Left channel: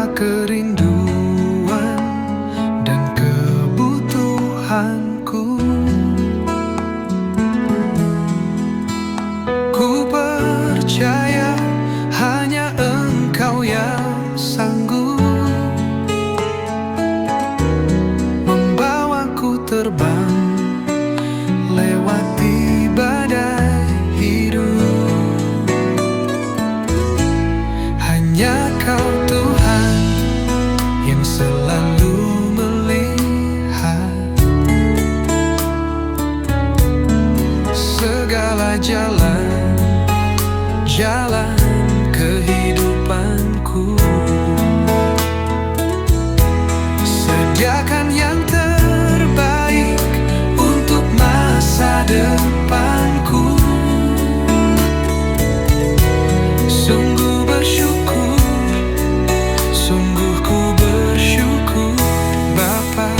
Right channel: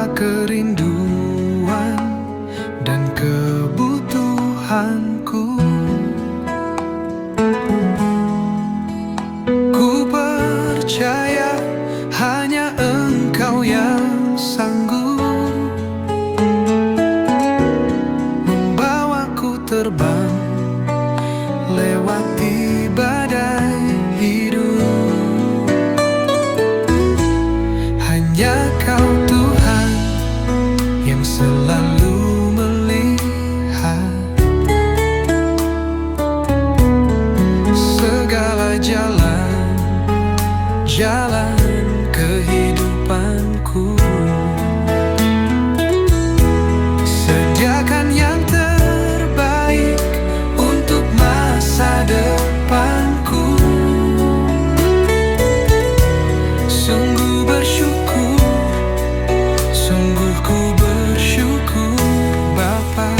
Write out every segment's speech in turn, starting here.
segala kerinduan dan kebutuhanku. Ku percaya hanya Engkau yang sanggup membawaku terbang lewati badai hidup. Hanya Kau Tuhan yang selalu melihat segala jalan kehidupanku. Sediakan yang terbaik untuk masa depanku. Sungguh bersyukur, sungguh ku bersyukur Bapa.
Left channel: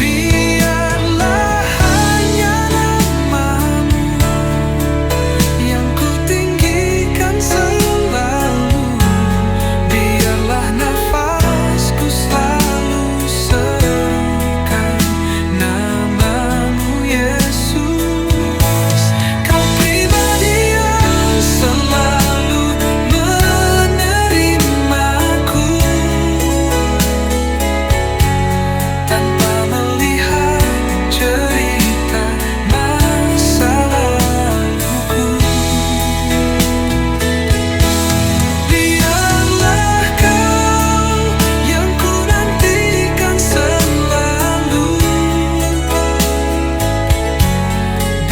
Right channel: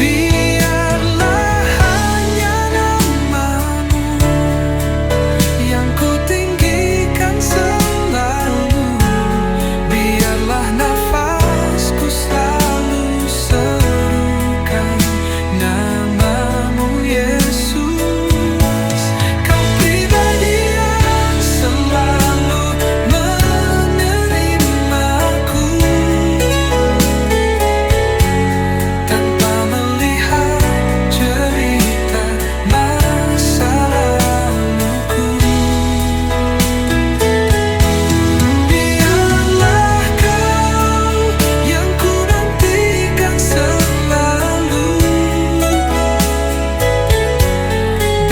Biarlah hanya nama-Mu yang ku tinggikan selalu. Biarlah nafasku selalu serukan nama-Mu Yesus. Kau pribadi yang selalu menerimaku tanpa melihat cerita masa laluku. Biarlah Kau yang ku nantikan selalu.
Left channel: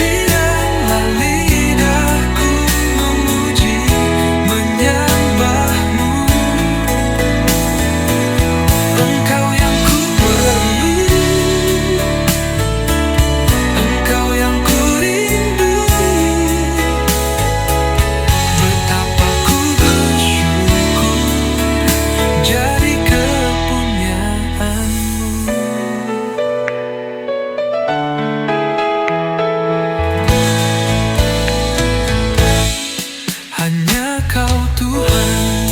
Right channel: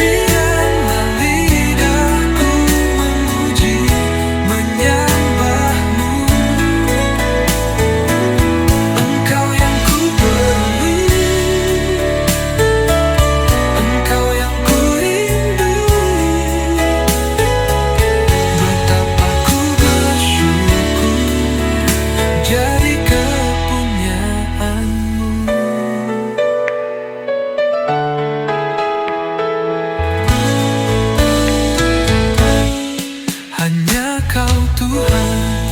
Biarlah lidahku memuji, menyembah-Mu. Engkau yang ku perlu, Engkau yang ku rindu. Betapa ku bersyukur jadi kepunyaan-Mu. Hanya Kau Tuhan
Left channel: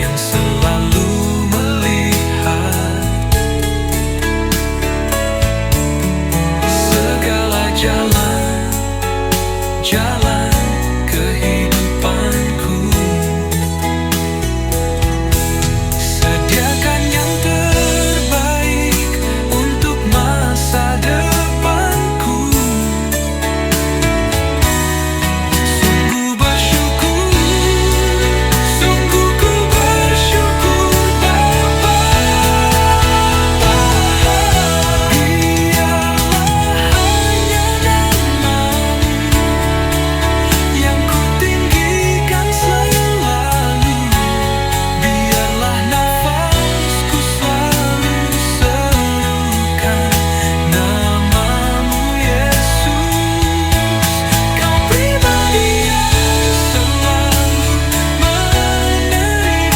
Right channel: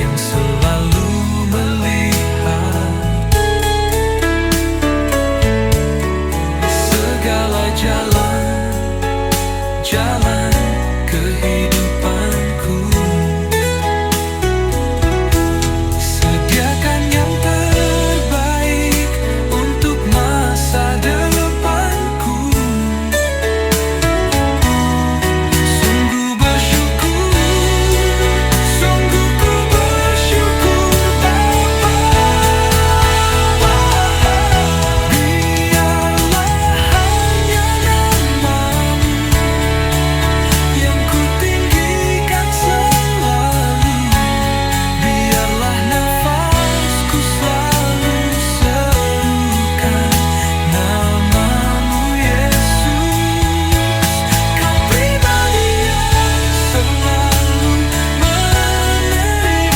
yang selalu melihat segala jalan kehidupanku. Sediakan yang terbaik untuk masa depanku. Sungguh bersyukur, sungguh ku bersyukur Bapa. Biarlah hanya nama-Mu yang ku tinggikan selalu. Biarlah nafasku selalu serukan nama-Mu Yesus. Kau pribadi yang selalu menerimaku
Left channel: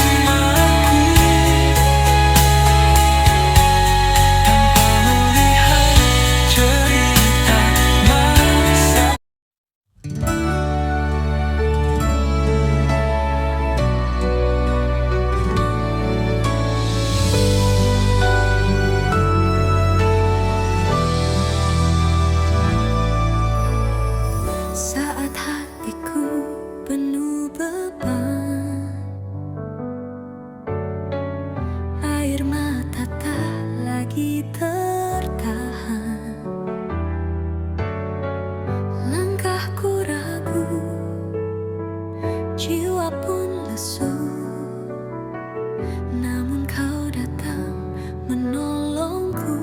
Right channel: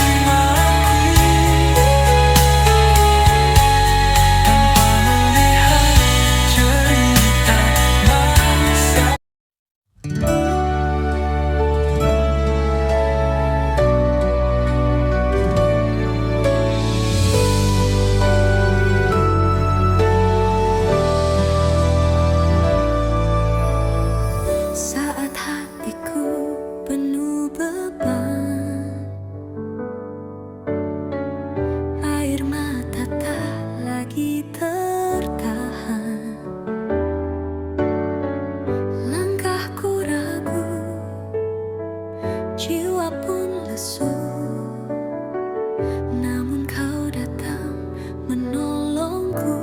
tanpa melihat cerita masa. Saat hatiku penuh beban, air mata tak lagi tertahan, langkahku ragu, jiwa pun lesu. Namun Kau datang menolongku.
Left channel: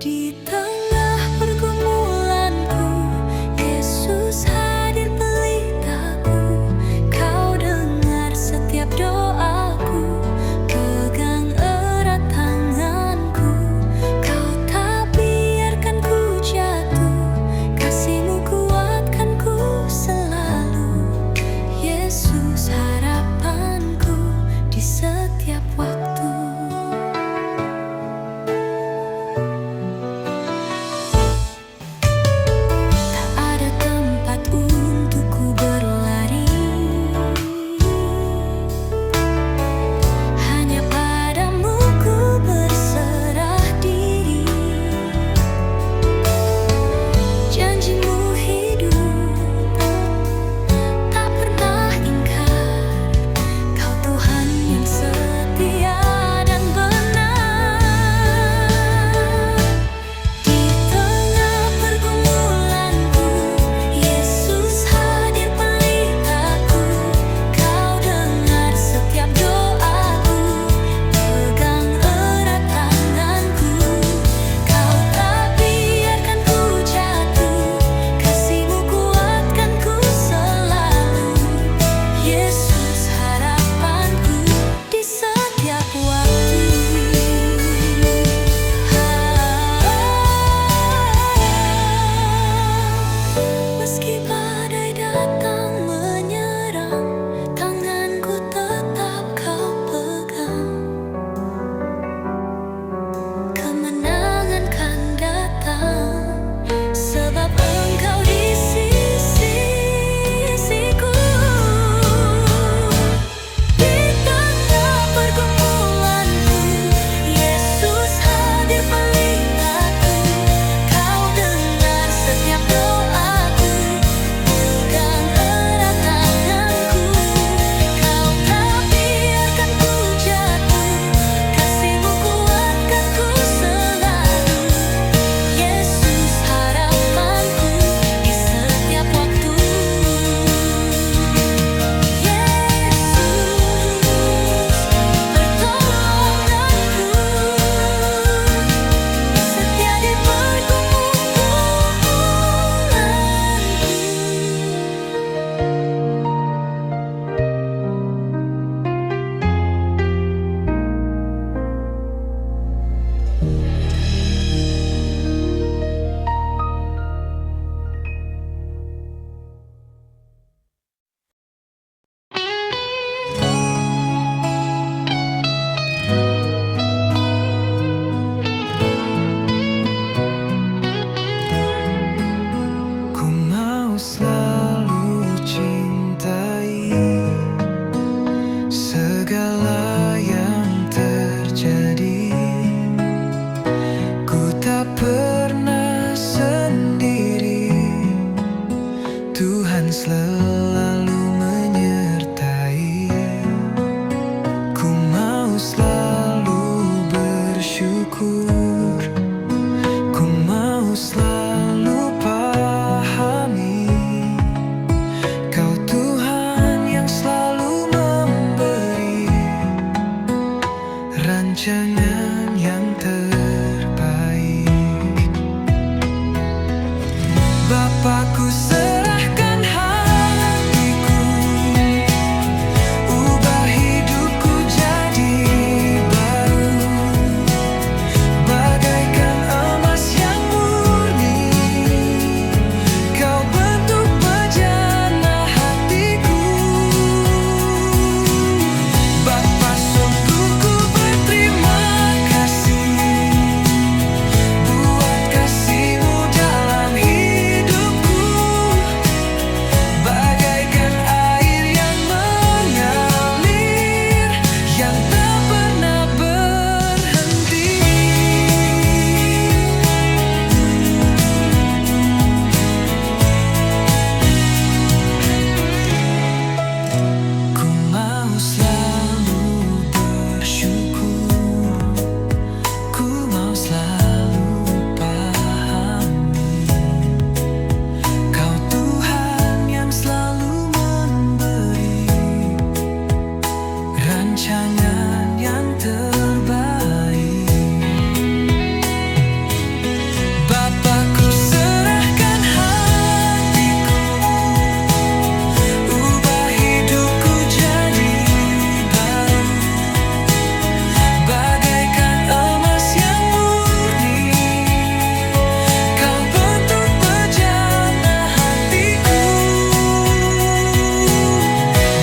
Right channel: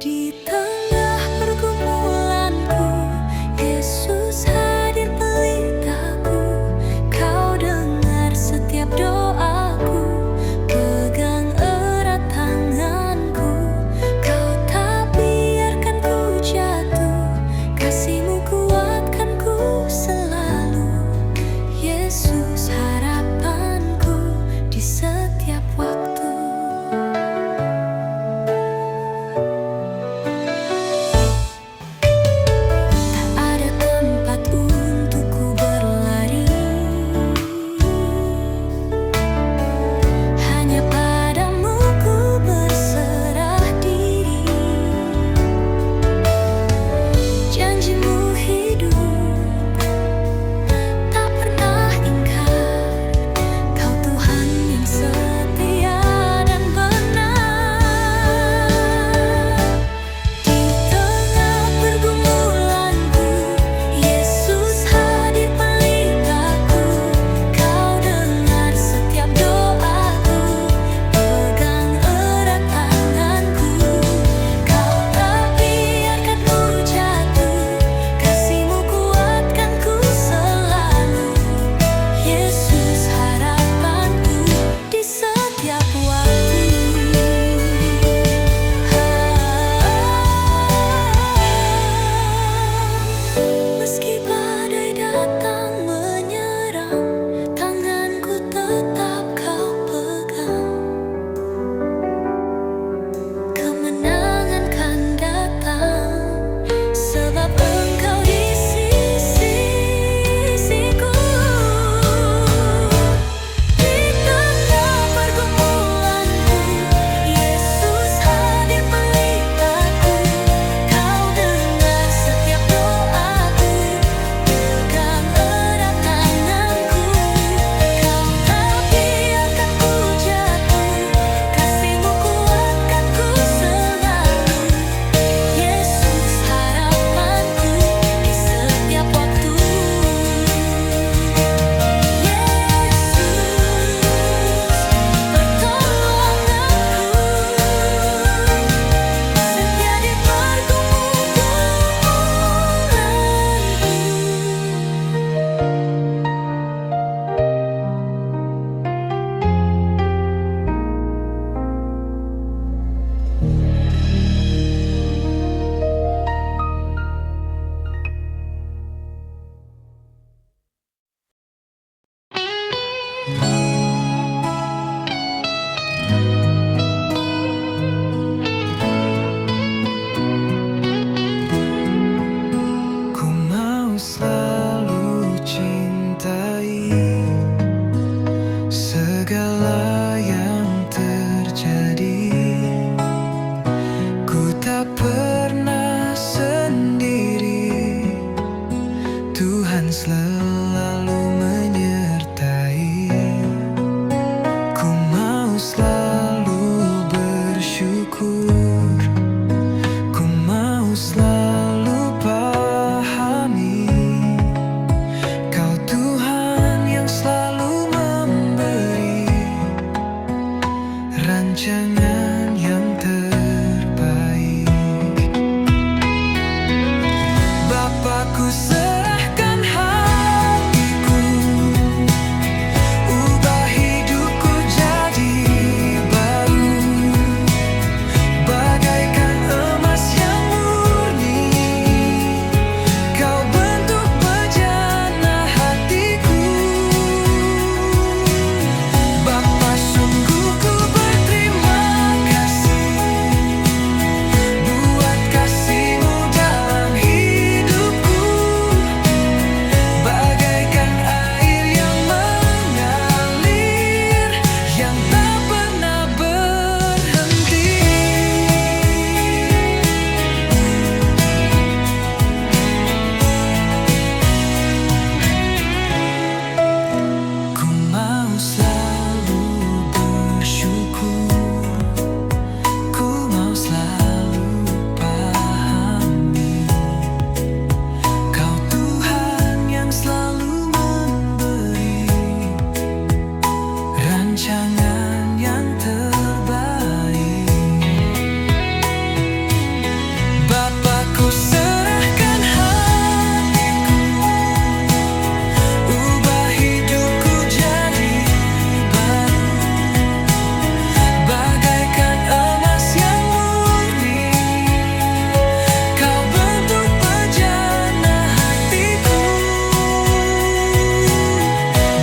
Di tengah pergumulanku, Yesus hadir pelitaku. Kau dengar setiap doaku, pegang erat tanganku. Kau tak biarkan ku jatuh, kasih-Mu kuatkan ku selalu, Yesus. selalu pahami, Kau Tuhan yang selalu memberi rancangan yang terbaik. Bapa, ku serahkan hatiku, ubah hidupku jadi baru, bagaikan emas yang murni. Kau bentuk bejana hatiku. Bapa, sungguh ku berterima kasih buat kasih-Mu dalam hidupku, bagaikan air yang mengalir, yang tak pernah berhenti. Ku mau selalu bersyukur, ku mau selalu pahami, Kau Tuhan yang selalu memberi rancangan yang terbaik. Bapa, ku serahkan hatiku, ubah hidupku jadi baru, bagaikan emas yang murni. Kau bentuk bejana hatiku.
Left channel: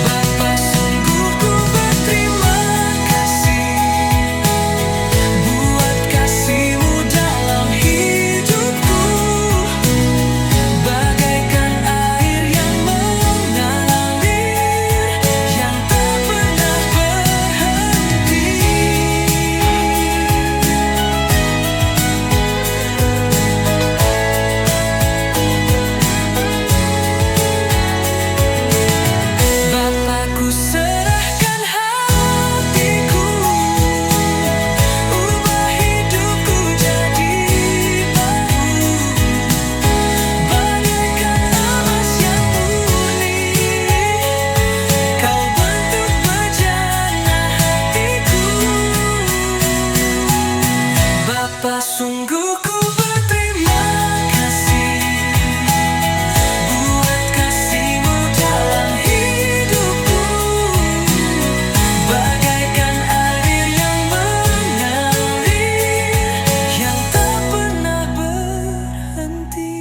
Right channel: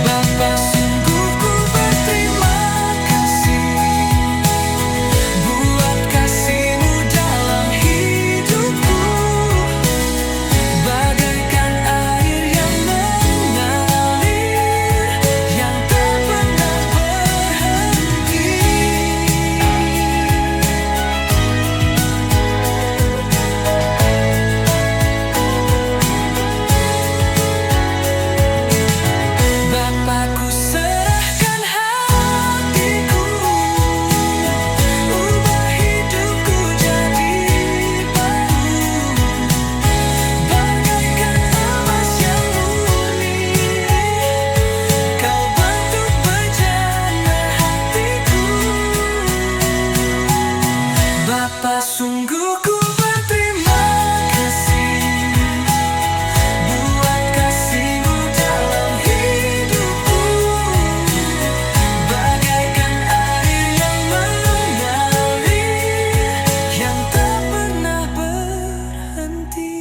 Bapa, sungguh ku berterima kasih buat kasih-Mu dalam hidupku, bagaikan air yang mengalir, yang tak pernah berhenti. Bapa, ku serahkan hatiku, ubah hidupku jadi baru, bagaikan emas yang murni. Kau bentuk bejana hatiku. Bapa, sungguh ku berterima kasih buat kasih-Mu dalam hidupku, bagaikan air yang mengalir, yang tak pernah berhenti.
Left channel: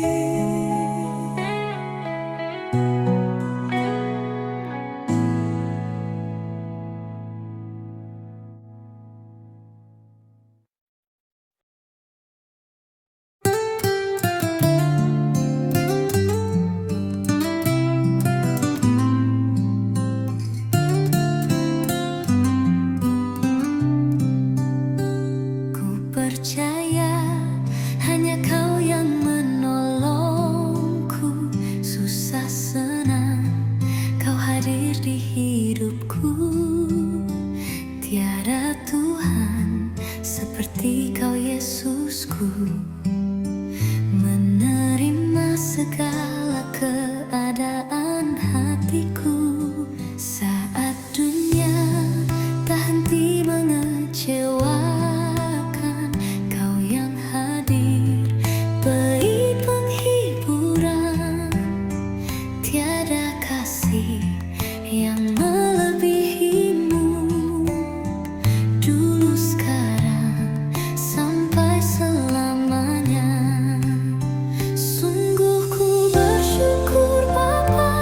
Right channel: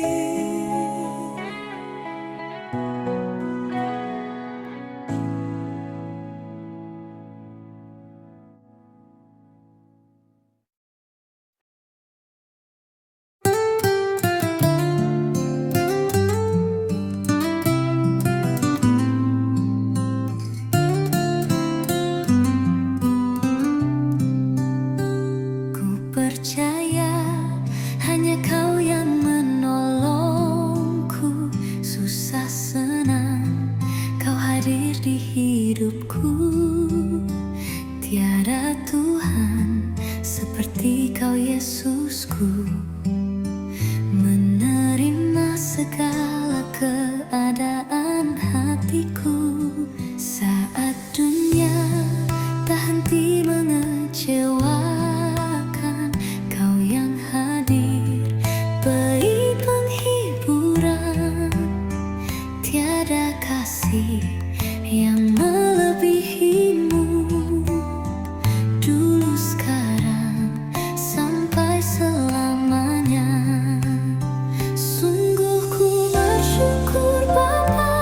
Ku percaya hanya Kau yang menolongku, susah senang Kau hadir di hidupku. Tiada Tuhan seperti Kau, Yesusku, menerima segala keadaan hatiku. Saat dunia tak henti mengecewakan, Kau yang hadir beri penghiburan. Tiada kasih yang melebihi-Mu, dulu, sekarang, sampai selamanya. Sungguh ku bersyukur Bapa,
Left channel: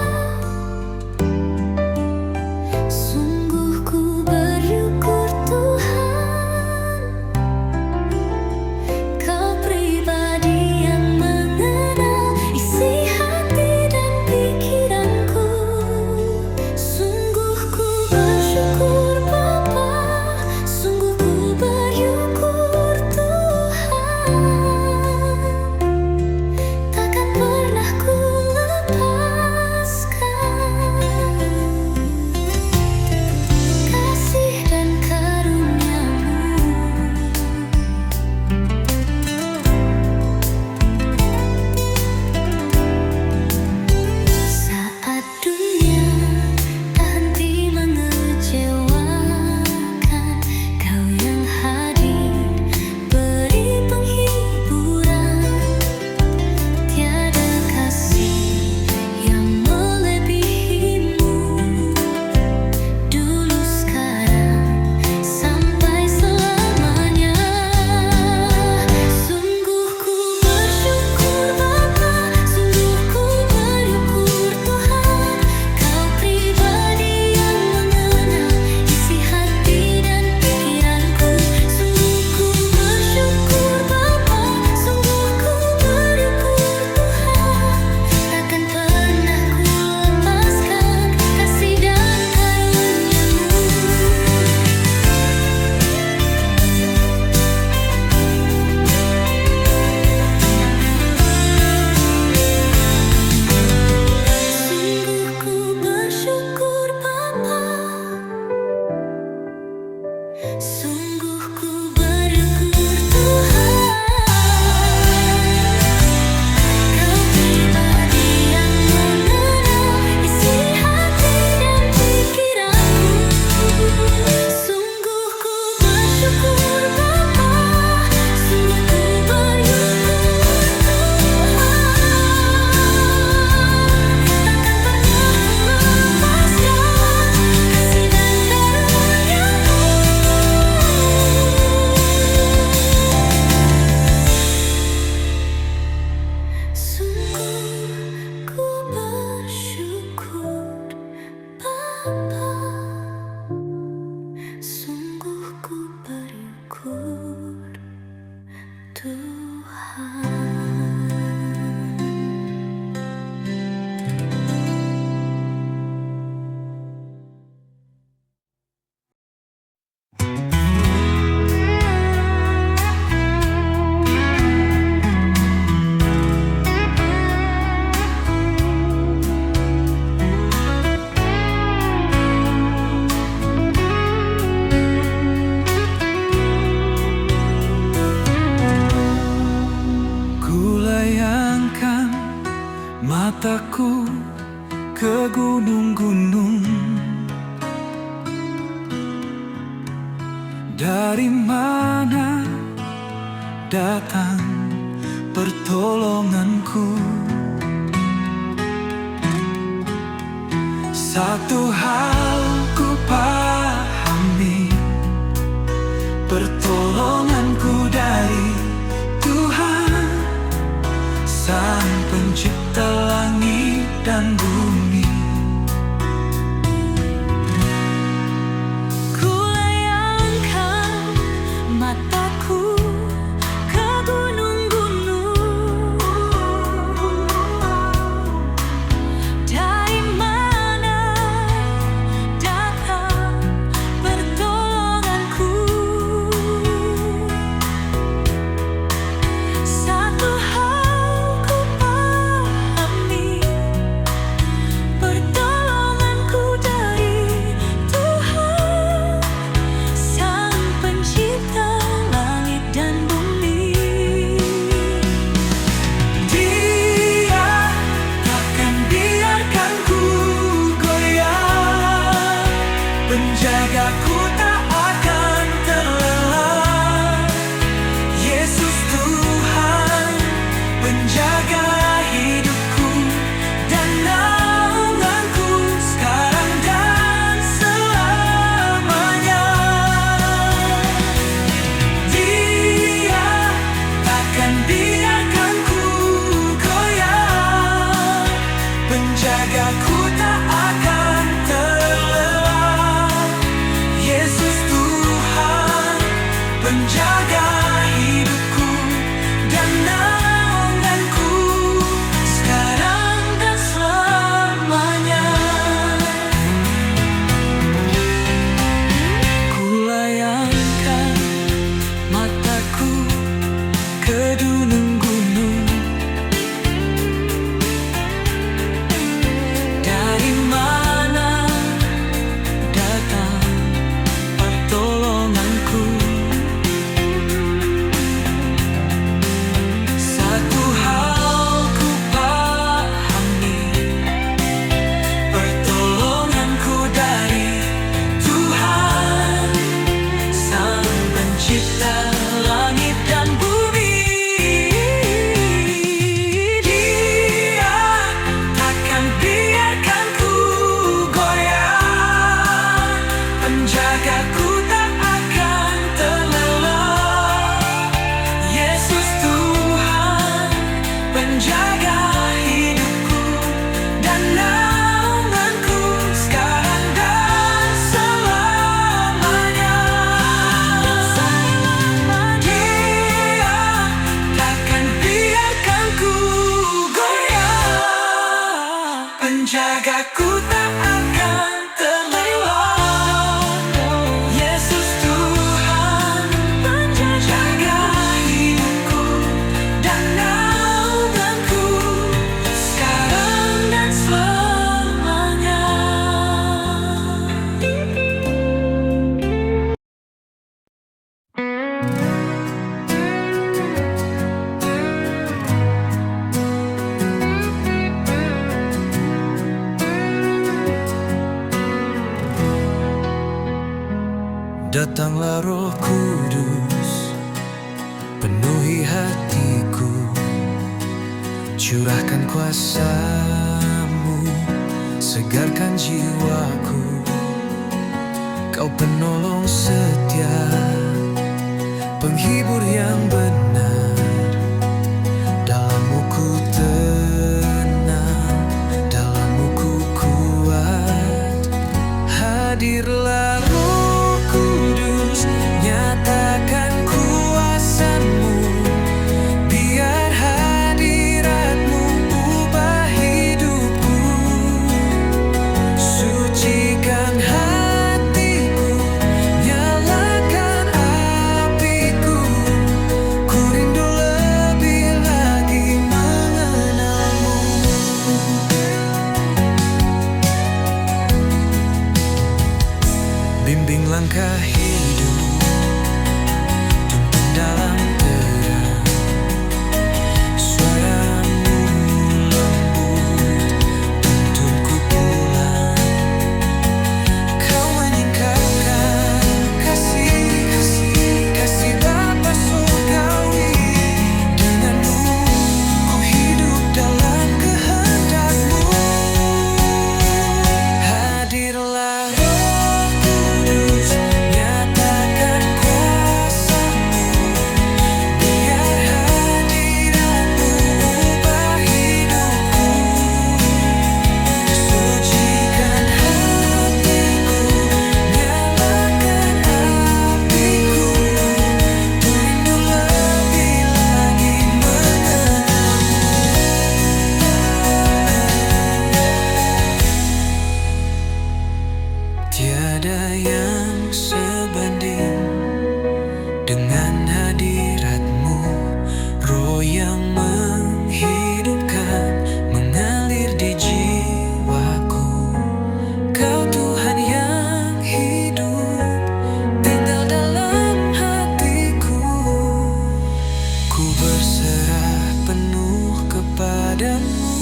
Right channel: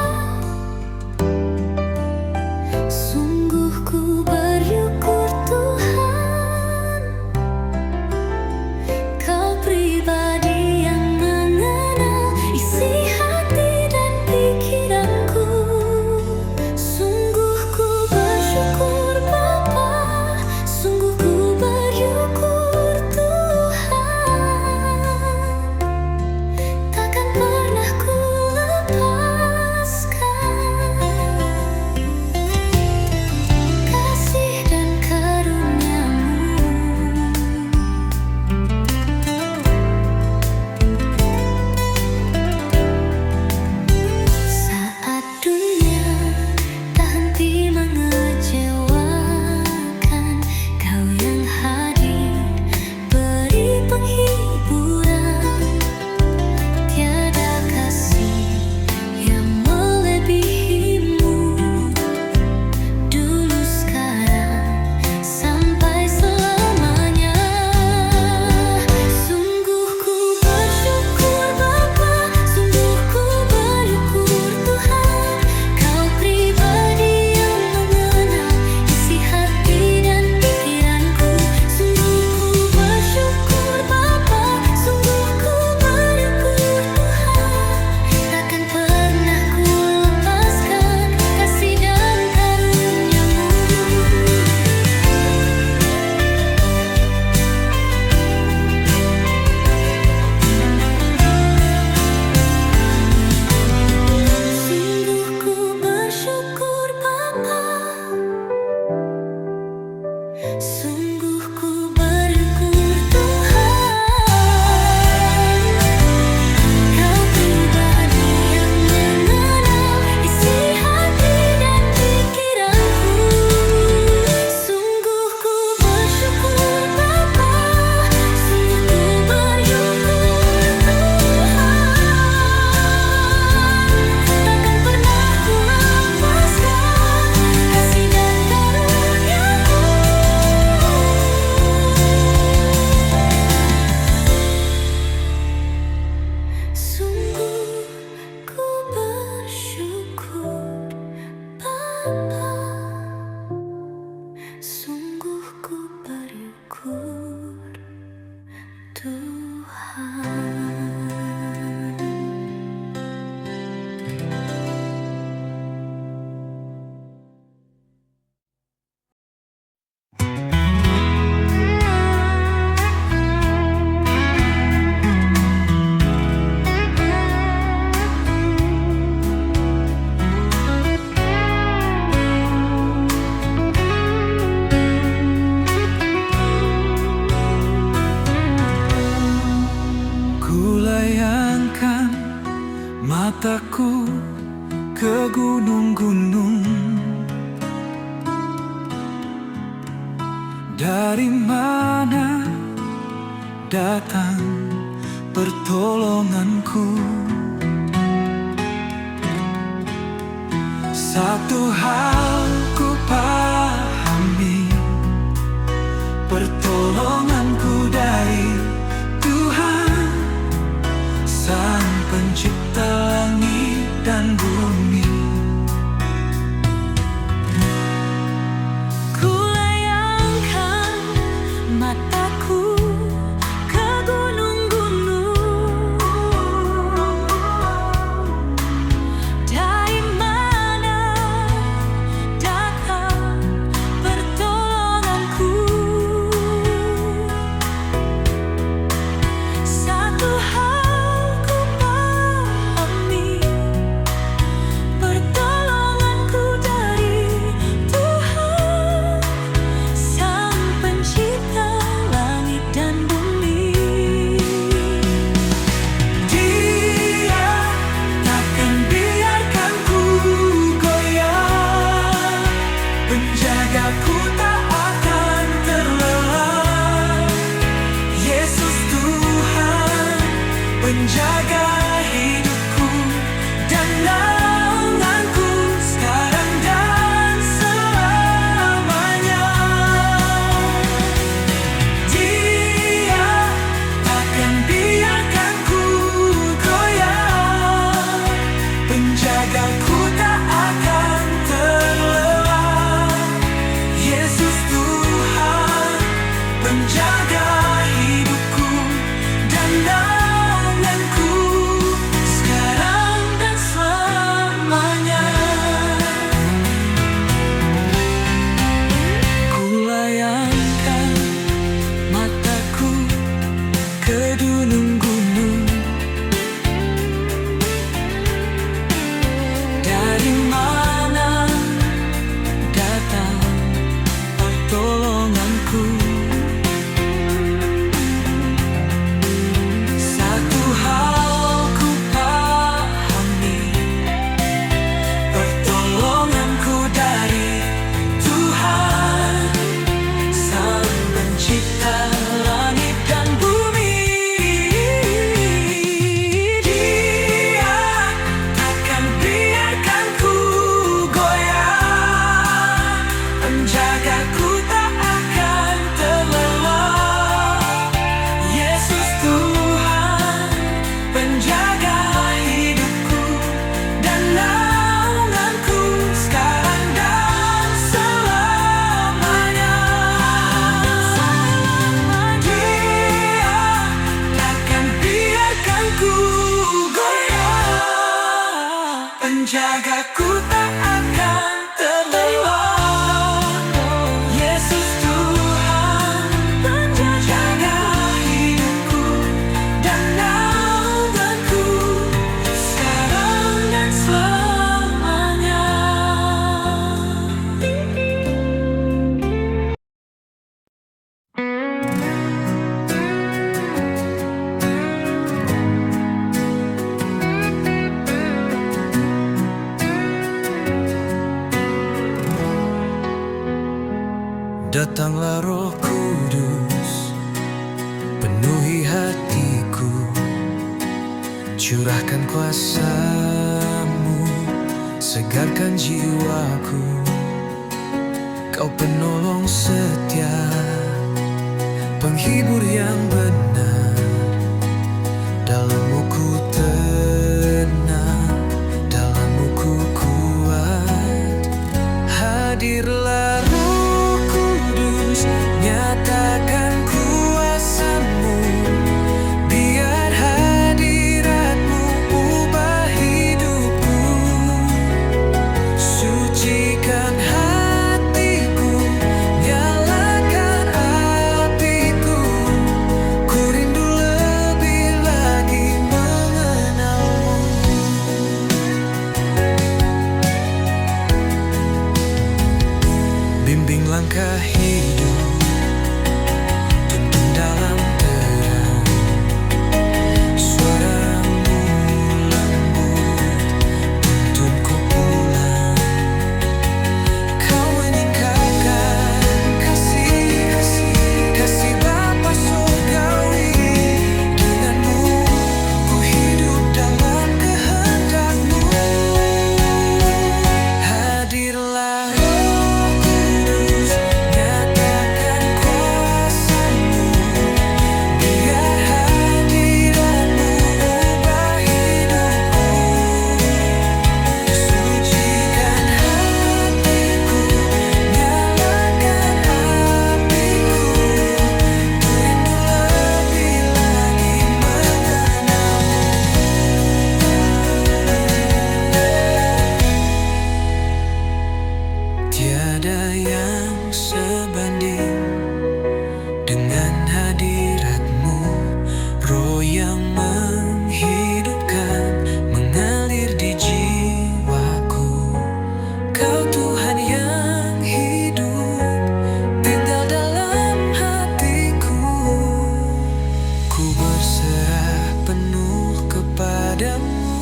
mataku ke gunung-gunung. Dari mana datang pertolonganku? Satu hal ku pahami, pertolonganku dari Tuhan, Sang Pencipta langit dan bumi. Kulayangkan mataku ke gunung-gunung. Dari mana datang pertolonganku? Satu hal ku pahami, pertolonganku dari Tuhan, Sang Pencipta langit dan bumi. Dia takkan biarkan ku goyah, penjagaku tak akan terlelap. Yesus Tuhan, penjaga hidupku dan naunganku sekarang dan selamanya. Dia takkan biarkan ku goyah, penjagaku tak akan terlelap. Yesus Tuhan, penjaga hidupku dan naunganku sekarang dan selamanya. Kulayangkan mataku ke gunung-gunung. Dari mana datang pertolonganku? Satu hal ku pahami, pertolonganku dari Tuhan, Sang Pencipta langit dan bumi. Dia takkan biarkan ku goyah, penjagaku tak akan terlelap. Yesus Tuhan, penjaga hidupku dan naunganku sekarang dan selamanya. Dia takkan biarkan ku goyah, penjagaku tak akan terlelap. Yesus Tuhan, penjaga hidupku dan naunganku sekarang dan selamanya. Datanglah Roh Kudus, penuhi hatiku, curahkan kuasa-Mu, segarkan jiwaku. Kau penolong setia, penghibur yang benar, dalam-Mu ku tenang, dalam-Mu ku kuat. Hadirlah Roh Kudus, nyatakan kuasa-Mu, biar hadirat-Mu ubah hidupku. Sucikan hatiku, nyalakan apiku, ku rindu lebih lagi mengenal-Mu. Bimbing langkah hidup, tuntun dalam terang, suara-Mu lembut Dengan hadirat-Mu, roh yang menghidupkan mengalir di jiwaku. Kau Tuhan yang hidup, tinggal dalam hatiku. Ku berserah penuh kepadamu.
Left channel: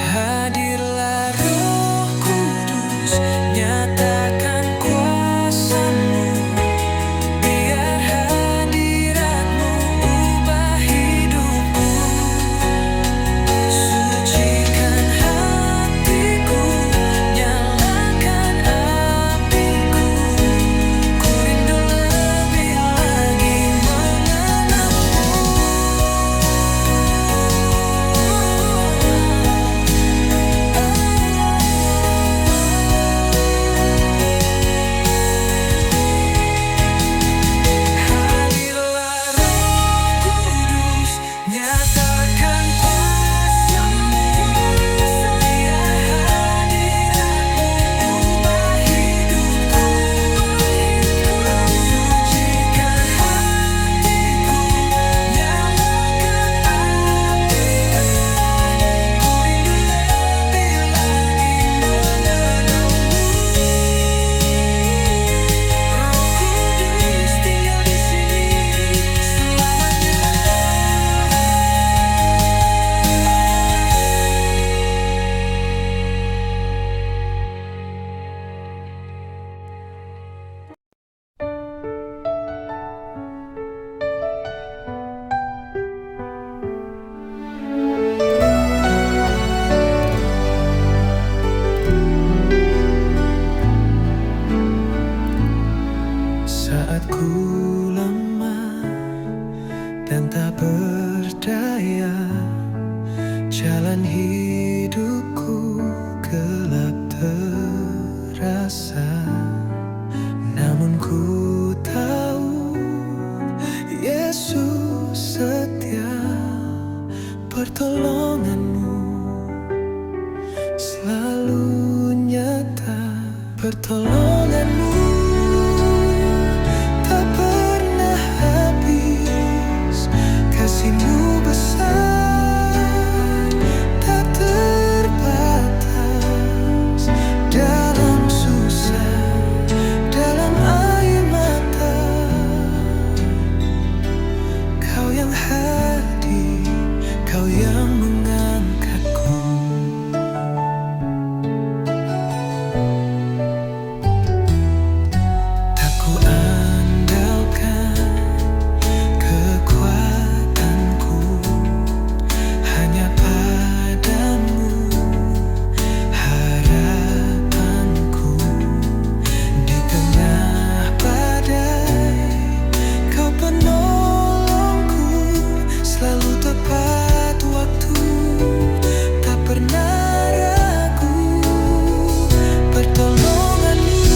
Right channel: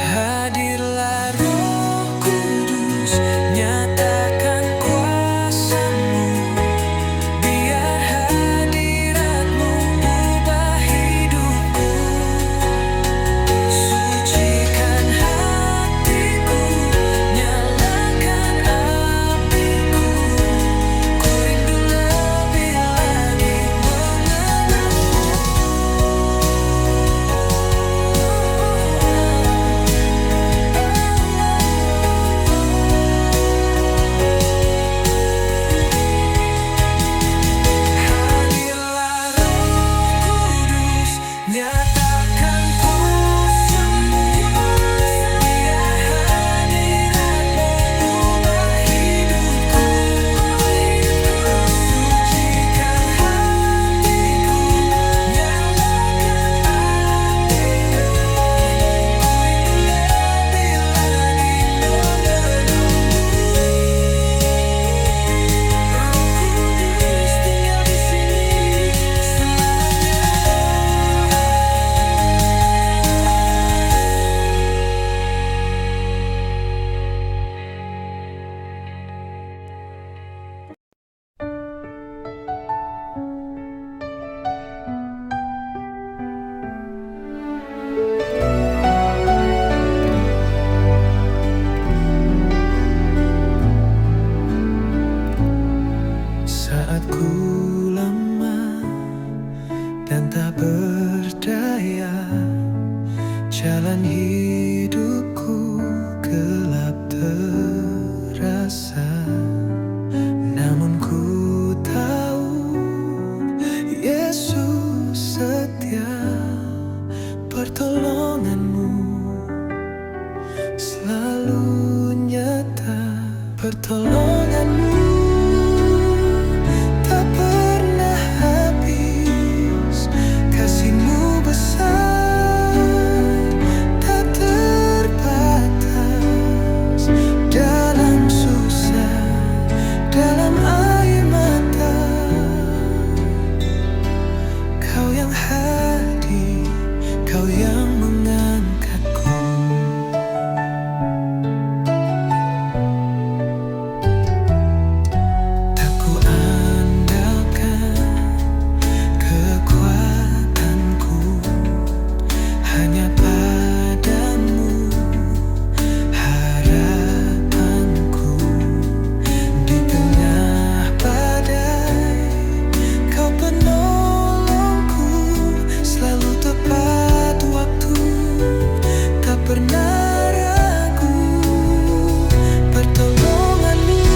Hadirlah Roh Kudus, nyatakan kuasa-Mu. Biar hadirat-Mu ubah hidupku. Sucikan hatiku, nyalakan apiku. Ku rindu lebih lagi mengenalmu. Hadirlah Roh Kudus, nyatakan kuasa-Mu. Biar hadirat-Mu ubah hidupku. Sucikan hatiku, nyalakan apiku. Ku rindu lebih lagi mengenalmu. Roh Kudus tinggal di sini selamanya. Saat ku lemah dan tak berdaya, jalan hidupku gelap terasa. Namun ku tahu Yesus setia, pertolongan-Mu selalu nyata. Pertolongan-Mu tak pernah habis, kasih-Mu besar, tak terbatas. Dalam susah, dalam air mata, Kau yang hadir, Kau yang mengangkatku. Tak ku andalkan kekuatanku, hanya padamu harapanku. Di tengah badai, Kau penolongku, selalu tepat waktu, tak pernah ragu. Pertolongan-Mu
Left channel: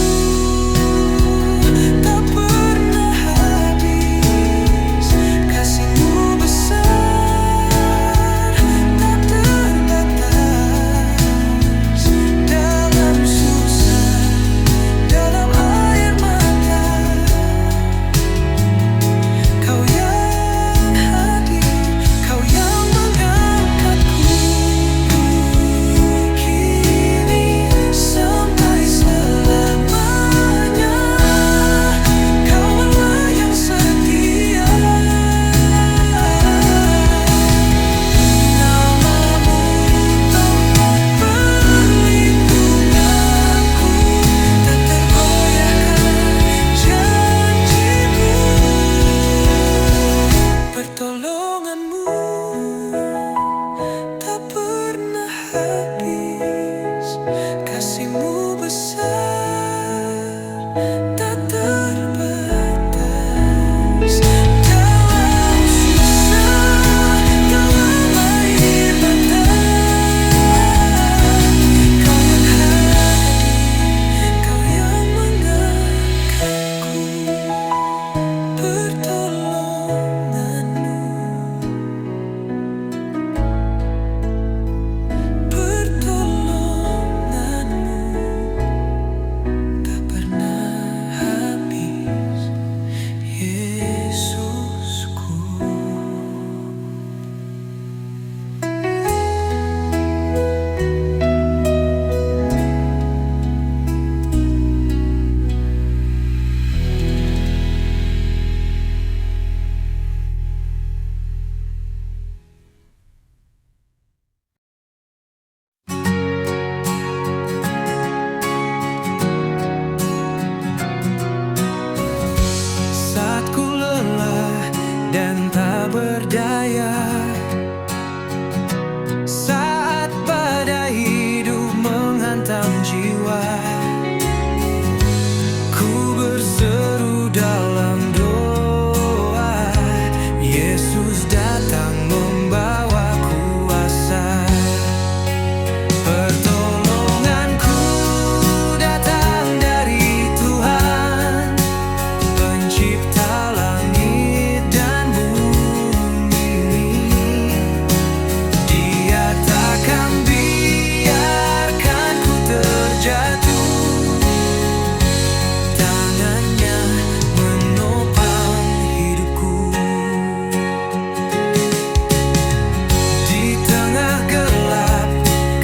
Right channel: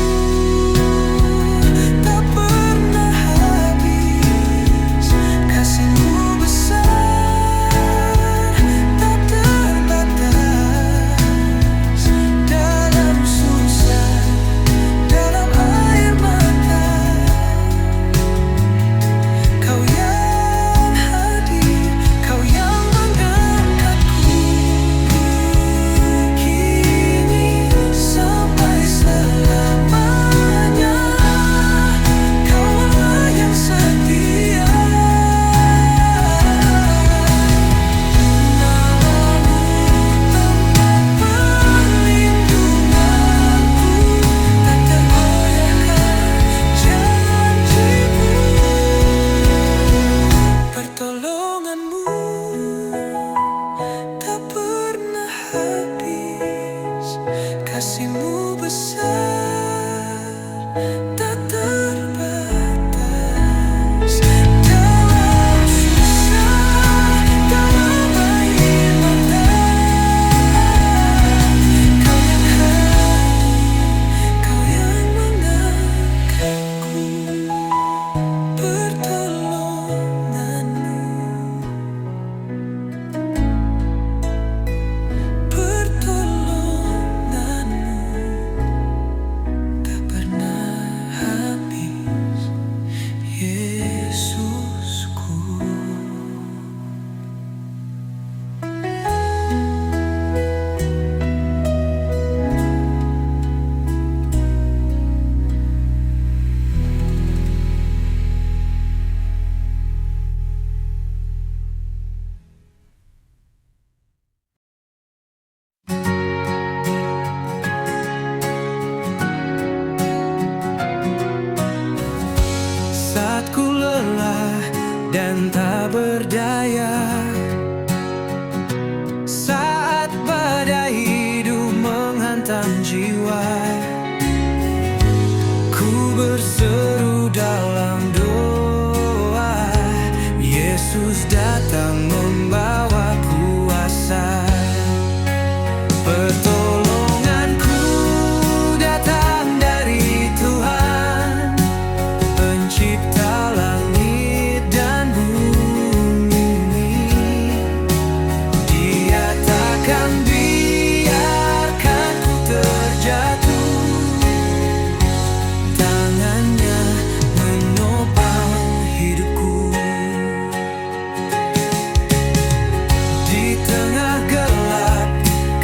tak pernah habis, kasih-Mu besar, tak terbatas. Dalam susah, dalam air mata, Kau yang hadir, Kau yang mengangkatku. Kini sampai selamanya, Kau Allah yang setia. Nama-Mu tempat perlindunganku, tak tergoyahkan janji-Mu. Pertolongan-Mu tak pernah habis, kasih-Mu besar, tak terbatas. Dalam susah, dalam air mata, Kau yang hadir, Kau yang mengangkatku. Pertolongan-Mu, pertolongan-Mu. dan tak berdaya. Saat badai hidup menghantam jiwa, ku berseru dalam doa. Yesus datang membawa kuasa. Pertolonganku datang dari Tuhan, Pencipta langit dan bumi. Dia takkan biarkan ku terjatuh, tangannya menopang hidupku. Di tengah gelap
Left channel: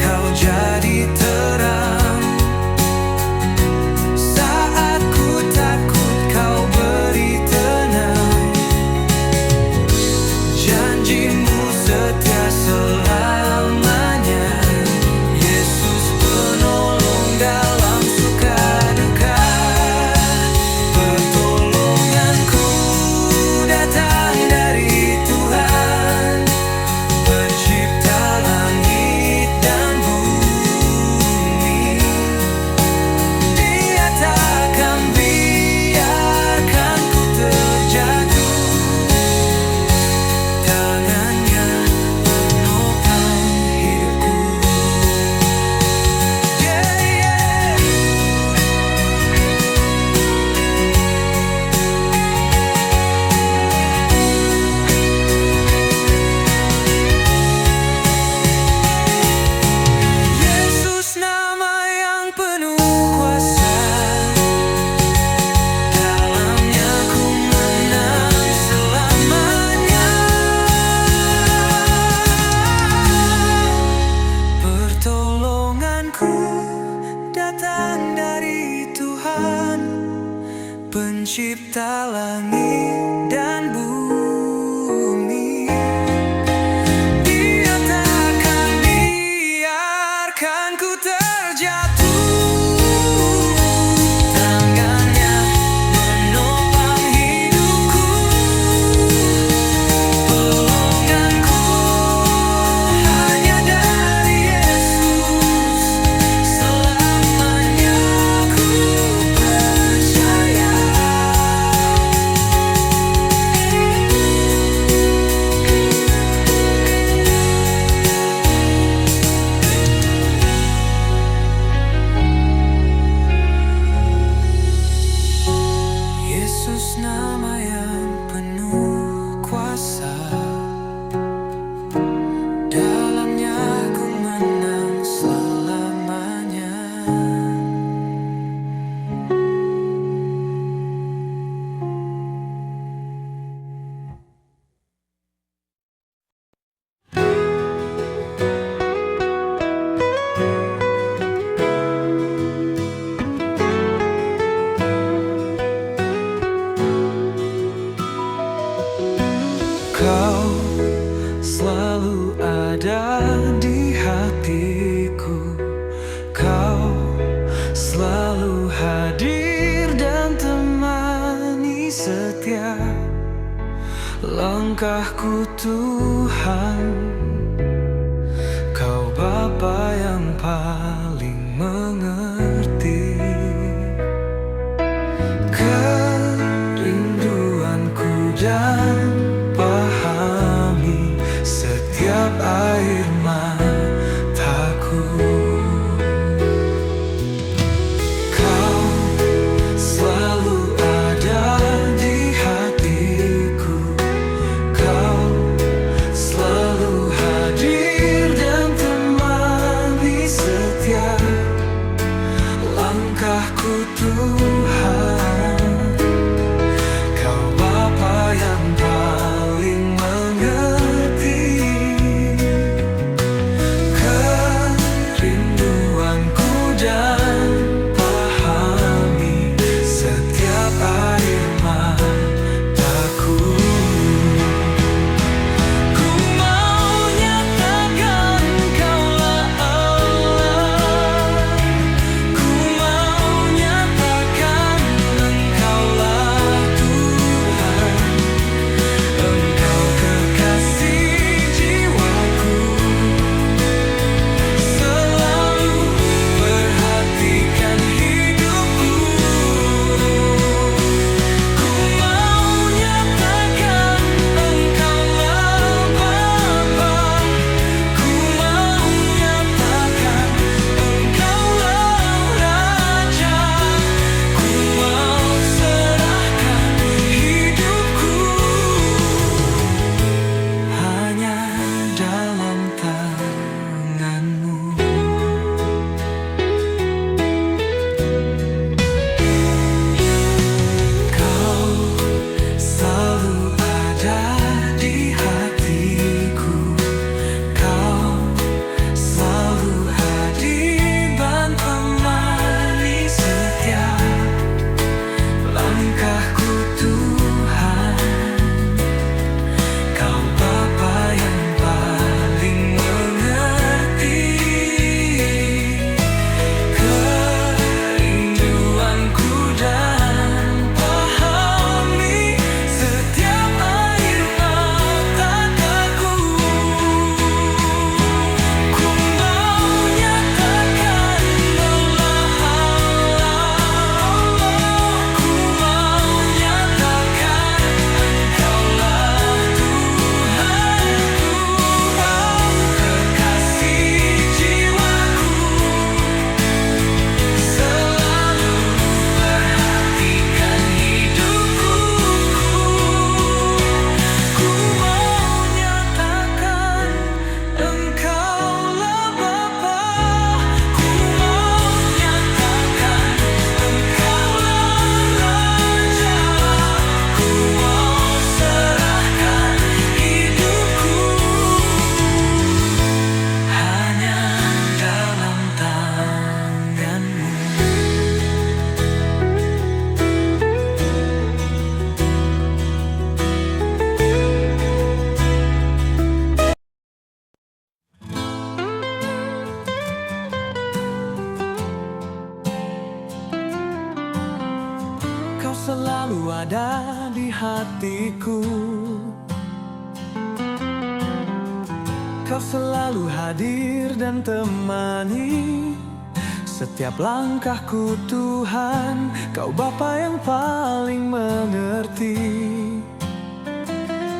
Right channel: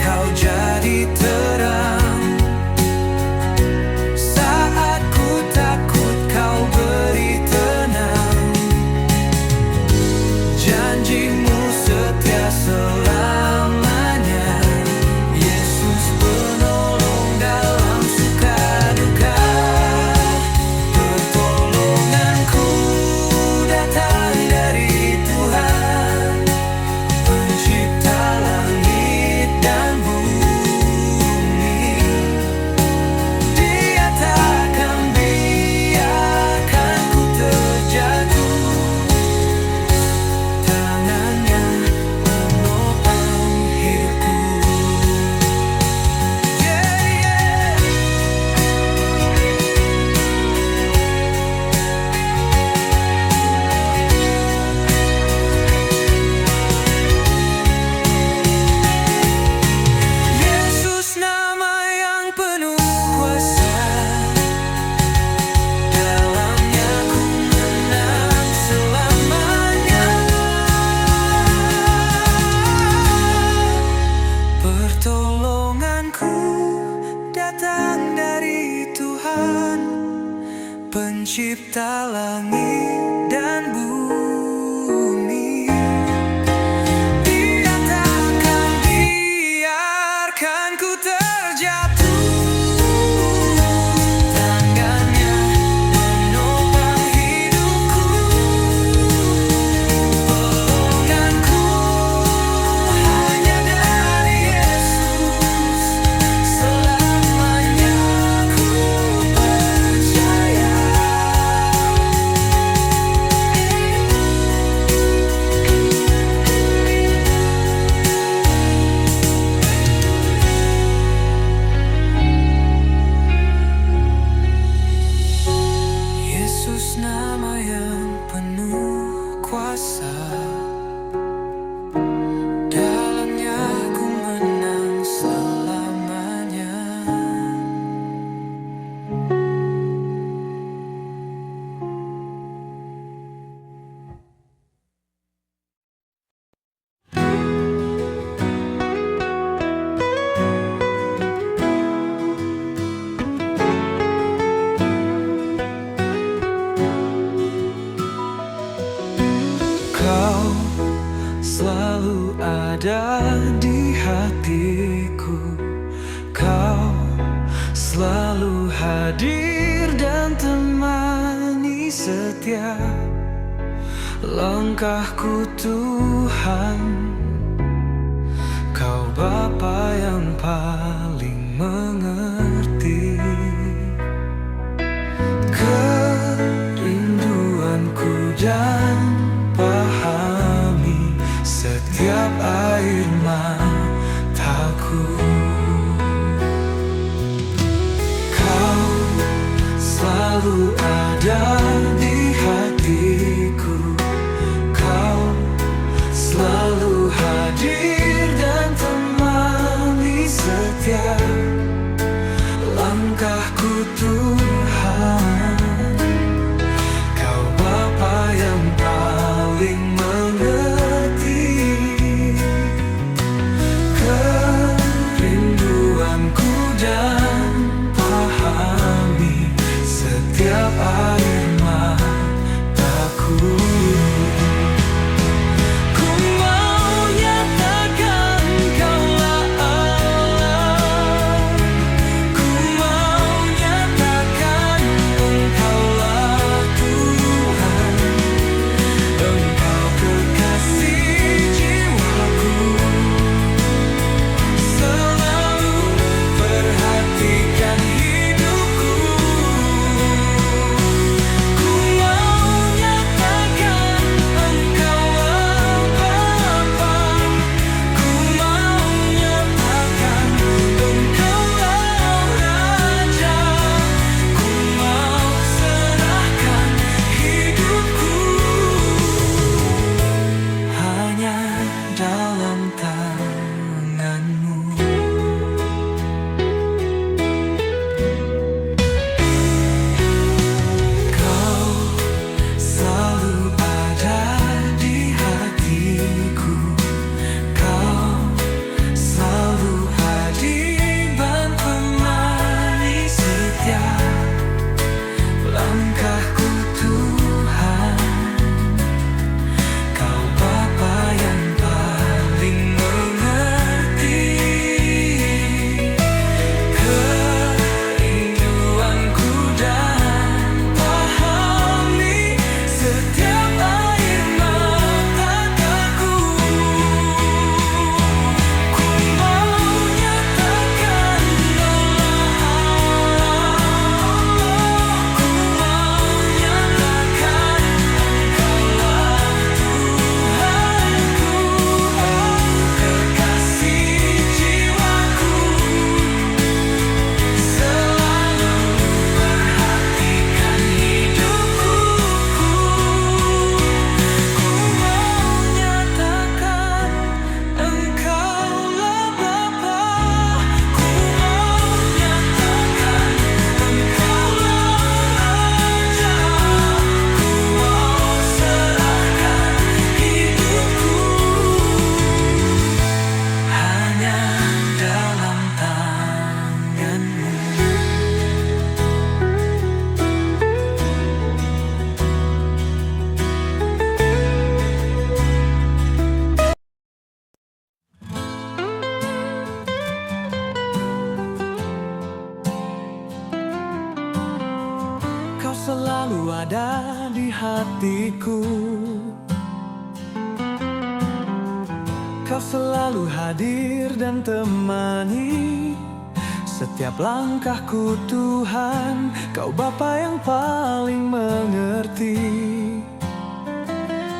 Kau jadi terang, saat ku takut Kau beri tenang. Janjimu setia selamanya, Yesus penolong dalam suka duka. Pertolonganku datang dari Tuhan, Pencipta langit dan bumi. Dia takkan biarkan ku terjatuh, tangannya menopang hidupku. Yeah, yeah. Yesus nama yang penuh kuasa, dalamnya ku menang selamanya. Pertolonganku datang dari Tuhan, Pencipta langit dan bumi. Dia takkan biarkan ku terjatuh, tangannya menopang hidupku. Pelonganku hanya dari Yesus, selamanya ku percaya. Yesus nama yang penuh kuasa, dalamnya ku menang selamanya. Kau selalu ada di hatiku, Kau selalu hadir dan temani setiap langkahku Tuhan. Kau Bapa yang paling mengerti kerinduanku dan pahami setiap air mataku. Kau selalu ada di hatiku, Kau selalu hadir dan temani setiap langkahku Tuhan. Kau Bapa yang paling mengerti kerinduanku dan pahami setiap air mataku. Ku mau nyatakan Kaulah Allah, ku mau nyatakan tanganmu. Kau selalu ada di hatiku. Kau selalu hadir dan menemani setiap langkahku Tuhan. Kau Bapa yang paling mengerti kerinduanku dan pahami setiap air mata aku. Ku mau nyatakan Kaulah Allah. Ku mau nyatakan Engkaulah Tuhanku, kekasih jiwaku. Selalu perhatikan hidupku. Ku mau nyatakan Engkaulah Bapa. Ku mau nyatakan Engkaulah Raja. Ku mau serahkan hidupku hanya dalam tanganmu. Kau selalu ada di hatiku. Kau selalu hadir dan temani setiap langkahku Tuhan. Kau Bapa yang paling mengerti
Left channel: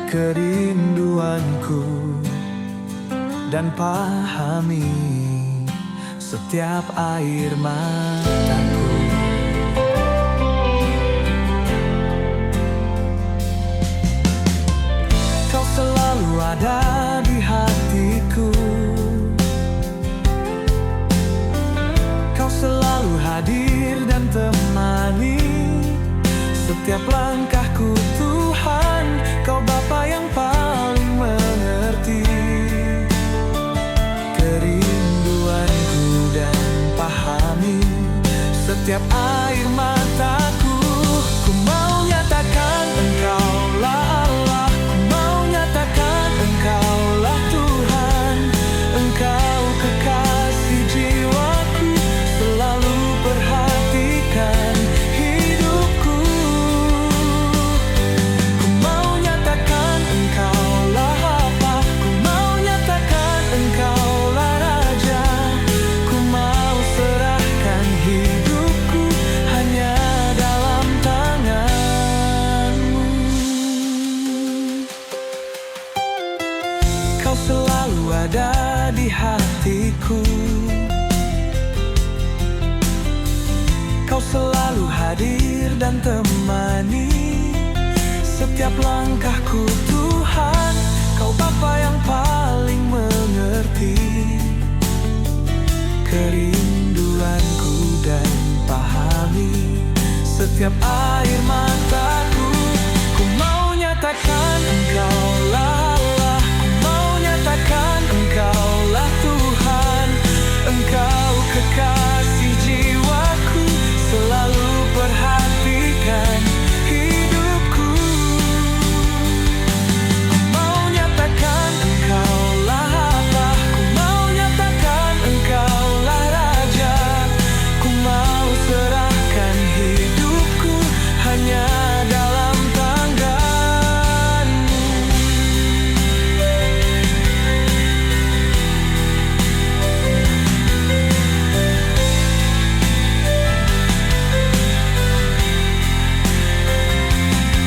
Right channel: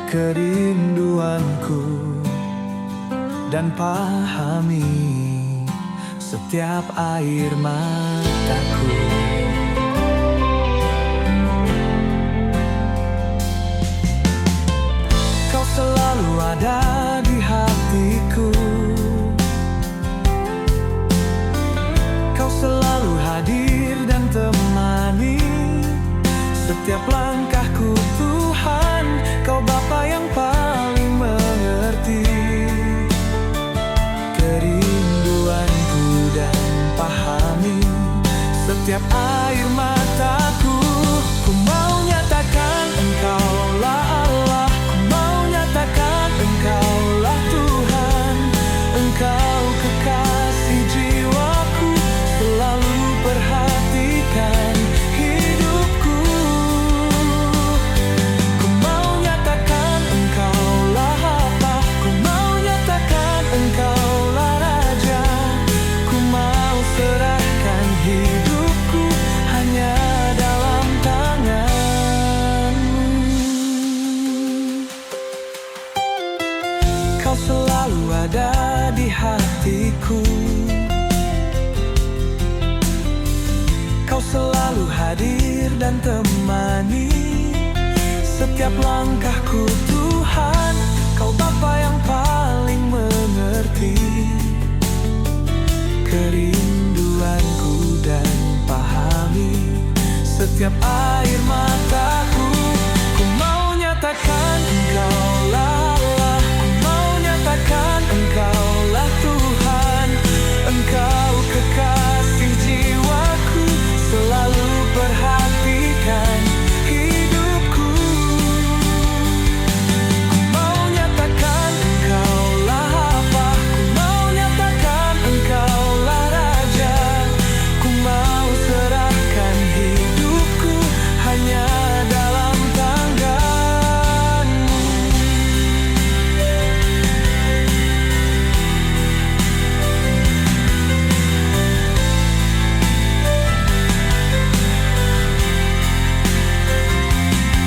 kerinduanku dan pahami setiap air mataku. Kau selalu ada di hatiku. Kau selalu hadir dan temani setiap langkahku Tuhan. Kau Bapa yang paling mengerti kerinduanku dan pahami setiap air mataku. Ku mau nyatakan Engkaulah Allah. Ku mau nyatakan Engkaulah Tuhan. Engkau kekasih jiwaku. Selalu perhatikan hidupku. Ku mau nyatakan Engkaulah apa. Ku mau nyatakan Engkaulah Raja. Ku mau serahkan hidupku hanya dalam tanganmu. Kau selalu ada di hatiku. Kau selalu hadir dan temani setiap langkahku Tuhan. Kau Bapa yang paling mengerti kerinduanku dan pahami setiap air mataku. Ku mau nyatakan Engkaulah Allah. Ku mau nyatakan Engkaulah Tuhan. Engkau kekasih jiwaku. Selalu perhatikan hidupku. Ku mau nyatakan Engkaulah apa. Ku mau nyatakan Engkaulah Raja. Ku mau serahkan hidupku hanya dalam tanganmu.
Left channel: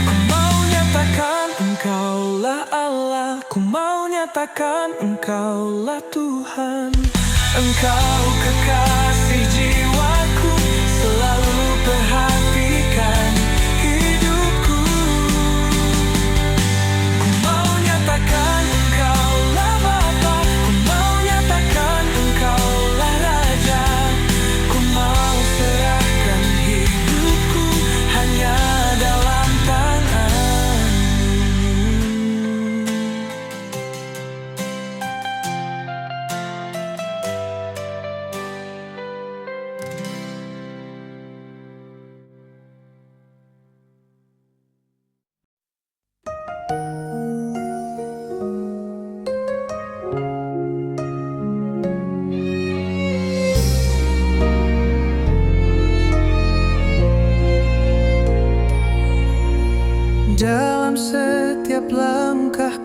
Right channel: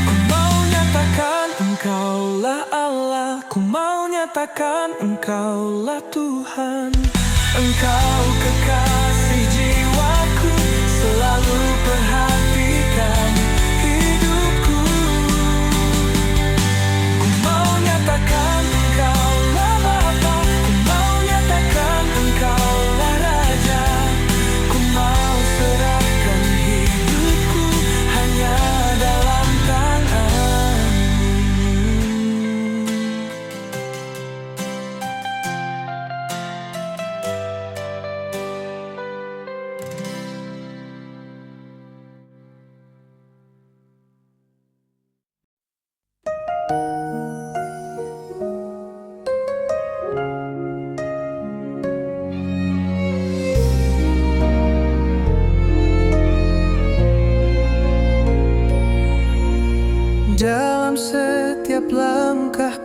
Ku mau nyatakan Engkaulah Allah. Ku mau nyatakan Engkaulah Tuhan. Engkau kekasih jiwaku. Selalu perhatikan hidupku. Ku mau nyatakan Engkaulah Bapa. Ku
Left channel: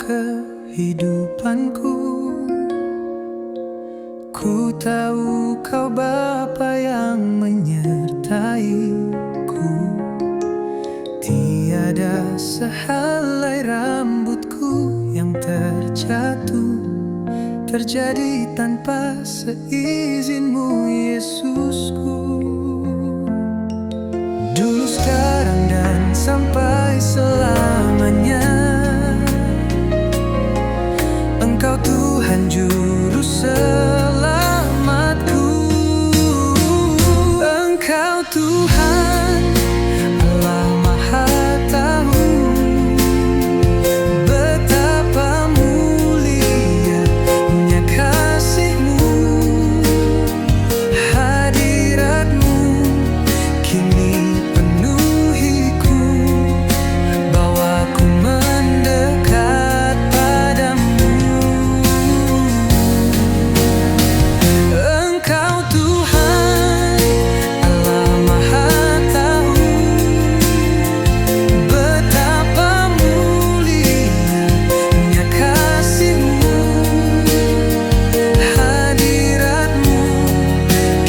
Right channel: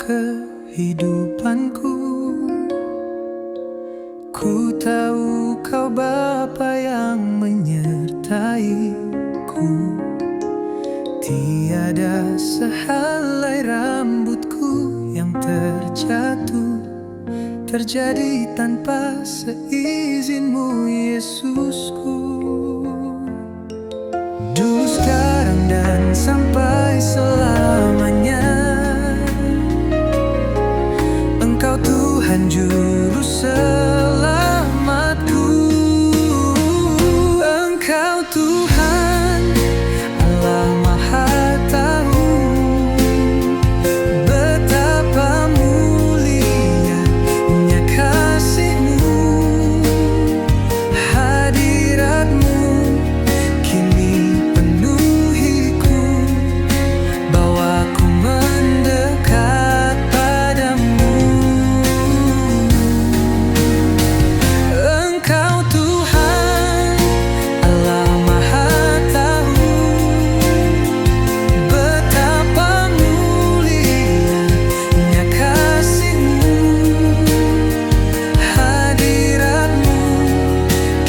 kehidupanku. Ku tahu Kau Bapa yang menyertaiku. Tiada sehelai rambutku yang terjatuh terjadi tanpa seizin-Mu, Yesusku. Dulu, sekarang, dan sampai selamanya, Engkau Tuhan Juru Selamatku. Engkau Tuhan, Allah Maha Tahu, betapa mulianya kasih-Mu. Hadirat-Mu kini penuhiku, bawaku mendekat padamu. Engkau Tuhan, Allah Maha Tahu, betapa mulianya kasih-Mu. Hadirat-Mu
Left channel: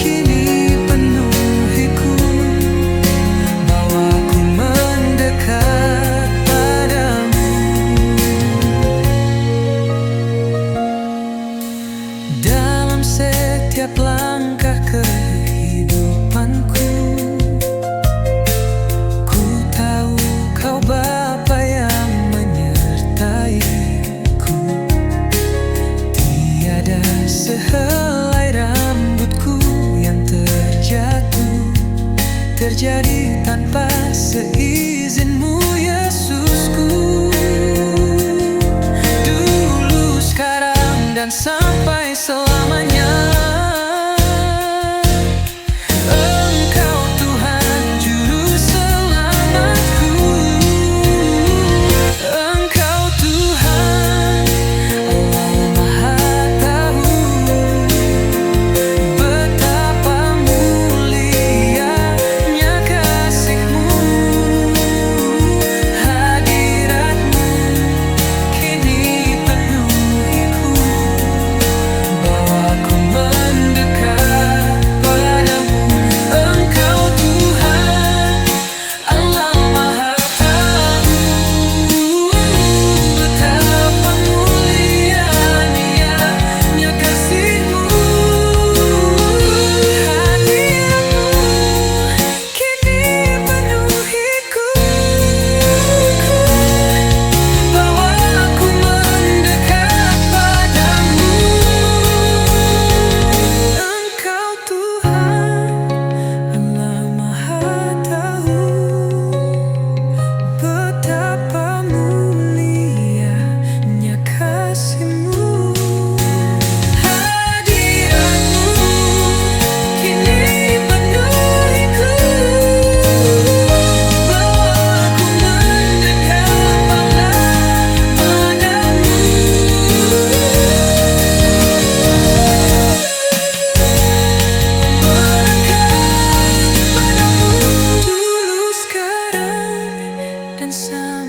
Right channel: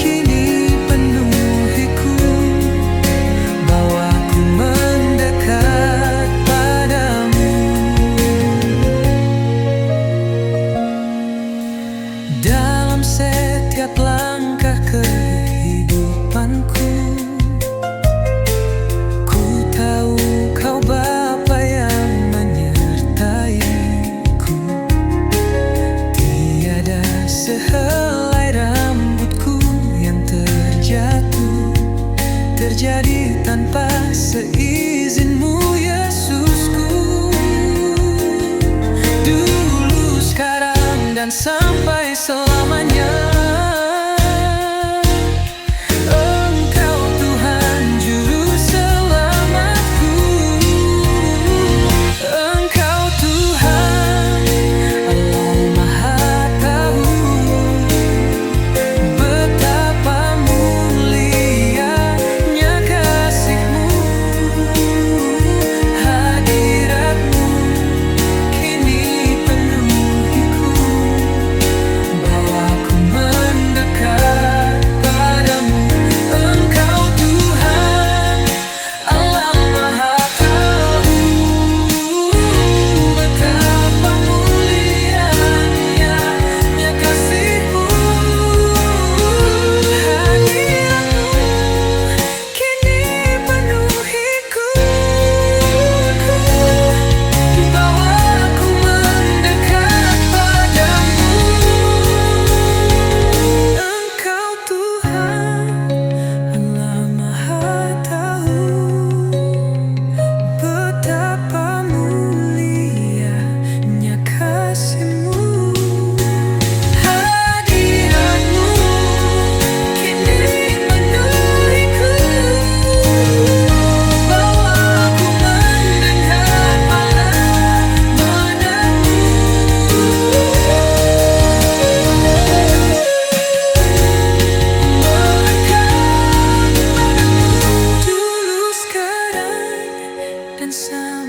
kini penuhiku, bawaku mendekat padamu. Dalam setiap langkah kehidupanku, ku tahu Kau Bapa yang menyertaiku. Tiada sehelai rambutku yang terjatuh terjadi tanpa seizin-Mu, Yesusku. Dulu, sekarang, dan sampai selamanya, Engkau Tuhan Juru Selamatku. Engkau Tuhan, Allah Maha Tahu, betapa mulianya kasih-Mu. Hadirat-Mu kini penuhiku, bawaku mendekat padamu. Engkau Tuhan, Allah Maha Tahu, betapa mulianya kasih-Mu. Hadirat-Mu kini penuhiku, bawaku mendekat padamu. Engkau Tuhan, Allah Maha Tahu, betapa mulianya kasih-Mu. Hadirat-Mu kini penuhiku, bawaku mendekat padamu. Dulu, sekarang, dan sampai